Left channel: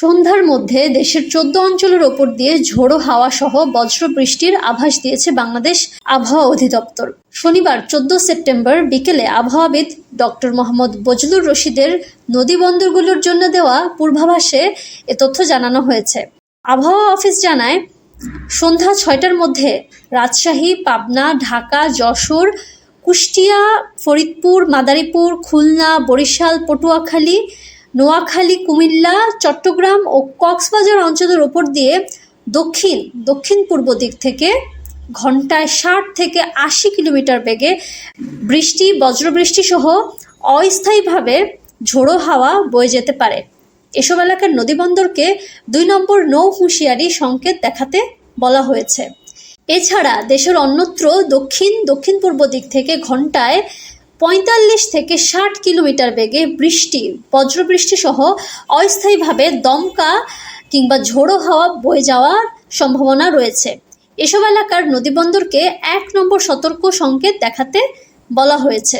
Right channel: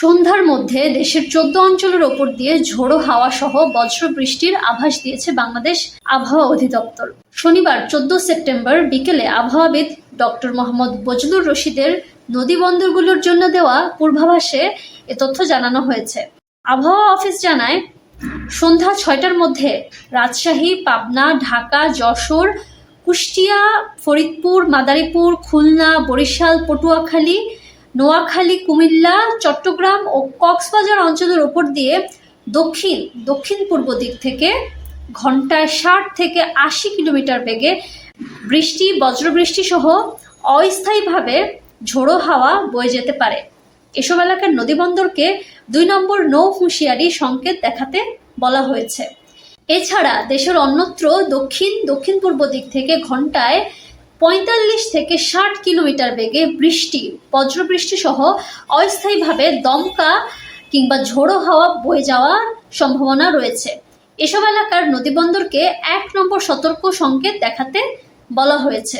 সন্ধ্যার মধ্যে দেশের চোদ্দ অঞ্চলের ওপর দিয়ে ঝোড়ো হাওয়া সহ বজ্র বৃষ্টির আভাস দিয়েছে বাংলাদেশ আবহাওয়া অধিদপ্তর। শনিবার চোদ্দ সেপ্টেম্বর বিকেলে আবহাওয়াবিদ ডক্টর মোহাম্মদ বজলুর রশিদের নদী বন্দরগুলোর জন্য দেওয়া পূর্বাভাসে এ তথ্য জানানো হয়েছে। আবহাওয়া অফিস জানায়, সন্ধ্যা ছয়টার মধ্যে রাজশাহী, পাবনা, ঢাকা, যশোর, কুষ্টিয়া, ফরিদপুর, মাদারীপুর, খুলনা, বরিশাল, পটুয়াখালী নোয়াখালী, কুমিল্লা, চট্টগ্রাম ও কক্সবাজার অঞ্চলের ওপর দিয়ে দক্ষিণ দক্ষিণ পূর্ব দিক থেকে ঘন্টায় ষাট থেকে আশি কিলোমিটার বেগে বৃষ্টি, বজ্রবৃষ্টি সহ অস্থায়ীভাবে ঝোড়ো হাওয়া বয়ে যেতে পারে। এসব এলাকার নদীবন্দরকে দুই নম্বর নৌ হুঁশিয়ারি সংকেত দেখাতে বলা হয়েছে। এছাড়া দেশের অন্যত্র দক্ষিণ দক্ষিণ পূর্ব দিক থেকে ঘন্টায় পঁয়তাল্লিশ থেকে ষাট কিলোমিটার বেগে বৃষ্টি বজ্রবৃষ্টি সহ অস্থায়ীভাবে দমকা কিংবা ঝোড়ো হাওয়া বয়ে যাওয়ার সম্ভাবনা রয়েছে। এসব এলাকার নদীবন্দরকে এক নম্বর সতর্ক সংকেত দেখাতে বলা হয়েছে।